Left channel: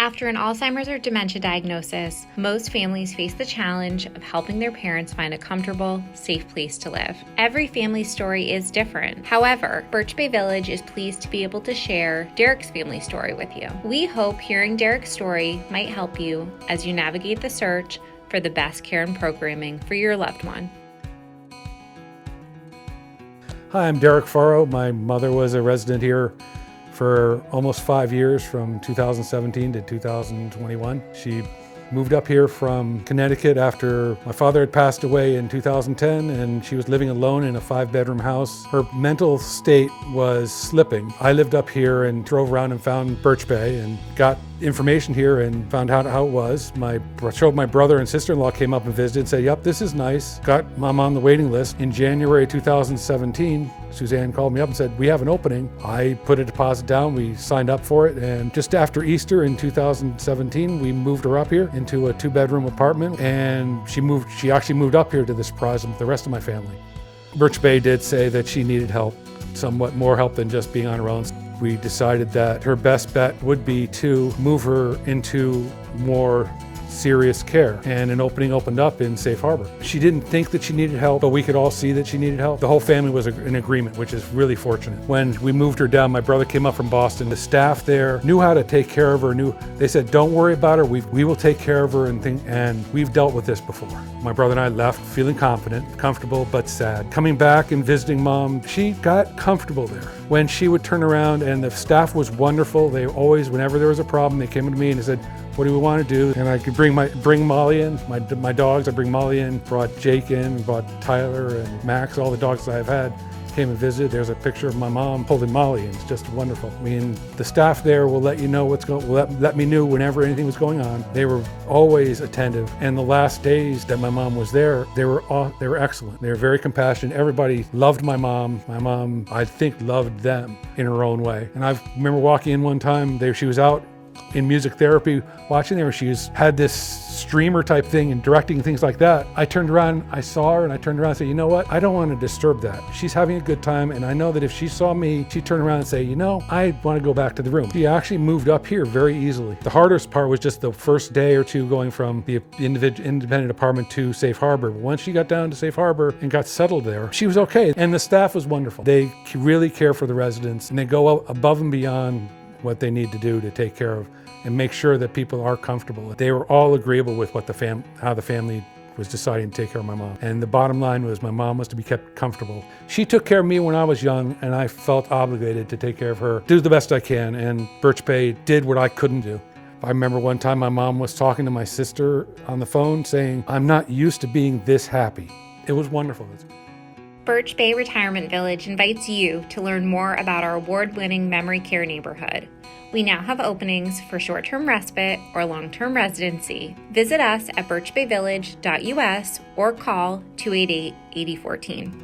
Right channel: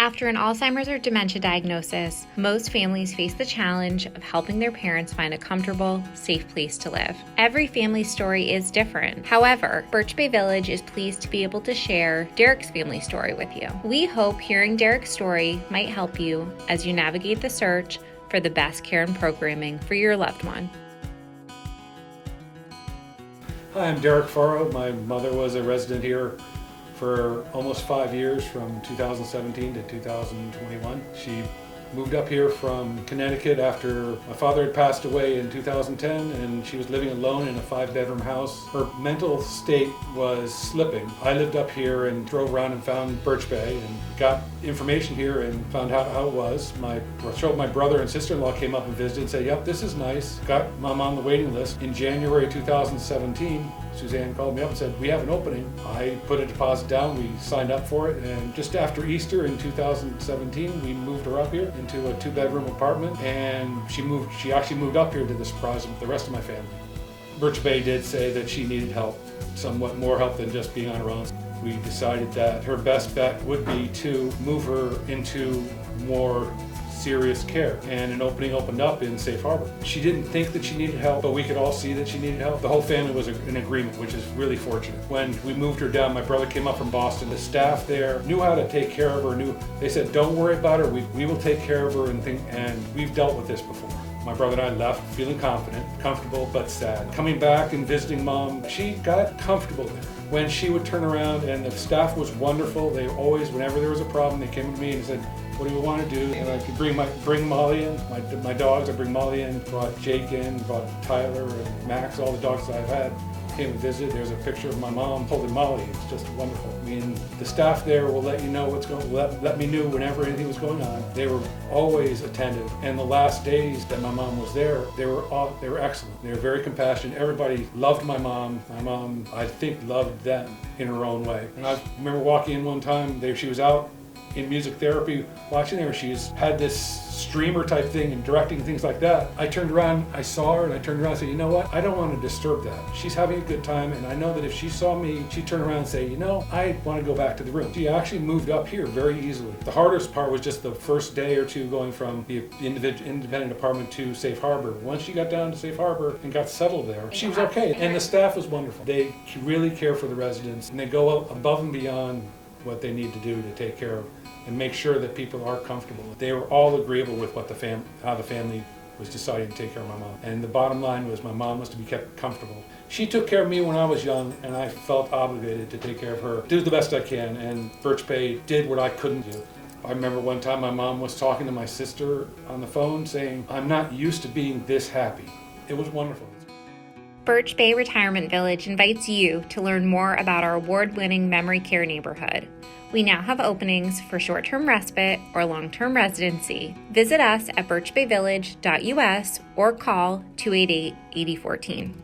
After an Alzheimer's or dementia diagnosis, most families face the challenge of helping their parents find a comfortable, safe place to live. Every family story is different. However, Birch Bay Village is pleased to be able to share Derek's family story with you. We hope hearing Derek's story might help you as you navigate the search for the best care and programming for your loved one. Hi, I'm Derek Farrow. My mother was a resident here for almost 5 years, from 2017 to 2021. She moved up here from Connecticut after my father had passed away in 2010, and she was living alone in a 5-bedroom house. Her mental state was slipping. I lived up here and drove around and found Birch Bay and got information here and found out how it was. My brother and sister-in-law came up and visited and said, yep, this is nice. Got Mom on the waiting list. In January 2017, Suzanne called me up and said, we have an opening. I put a deposit down, we signed up for it, and just after Easter in 2017, we moved her up here into a 2-bedroom apartment, and she actually moved up here to the surprise of the rest of my family. Birch Bay did say that she needed help, somewhat more help than just being on her own. We decided that her best bet would be to move her into more serious care, and an opening opened up in Safe Harbor. She didn't think that she needed help, but we could all see that she needed help. The whole family was in agreement, which is really fortunate. When we moved her down, my brother came up from Boston. The staff there knew how to take care of her. They said, don't worry about her, we will take care of her, and we've dealt with this before. My brother and I left feeling confident, comfortable, but sad. Coming back and visiting Mom, she got comfortable there. When she would turn around, and the staff was wonderful, they always, whenever there was a problem, they came to me and they said, what do we want to do? And I could bring Molly in, my dogs. I bring Molly in, brought Jake in, brought Tyler and Max, all the dogs that I've had came and visited. There's a picture of my mom holding Molly. It's just wonderful. I mean, the staff there will let you know what's going. Let me know whenever anything was going on. They were always attentive. And the last days that my mom was there, they were excellent. They were very compassionate. Everybody loved my mom. My mom, I think, loved them in her own way. And I remember walking in one time. She was out in music therapy watching there. She's had this streamer type thing and directing things like that. I turned around, I saw her, and I turned around and said, you know what? I don't want to disturb that. She's having a good time, and I know that if she saw me, she'd turn around and say, you know, I want to go back to the room. She actually moved up here very easily. The hardest part was just the first day or two going from the independent apartment to Safe Harbor. Once she got down to Safe Harbor and got settled there, she was okay. And the staff was wonderful. They really care for the residents, and they go above and beyond what they need to do to take care of and make sure that people are comfortable. They were all agreeable with what how the family was deciding to take care of my mom. And the bottom line was my mom was to be kept comfortable. She took care of me when I was young, and I felt obligated to take care of her, do the best I can, and Birch Bay did what I couldn't do. I remember one time my mom was talking to my sister on the phone saying, I'm not used to being this happy. It was wonderful. Birch Bay Retirement Village invites you to learn more about our award-winning memory care neighborhood. We now have openings for short-term respite or long-term residency. Visit us at birchbayvillage.us or call 288-8014.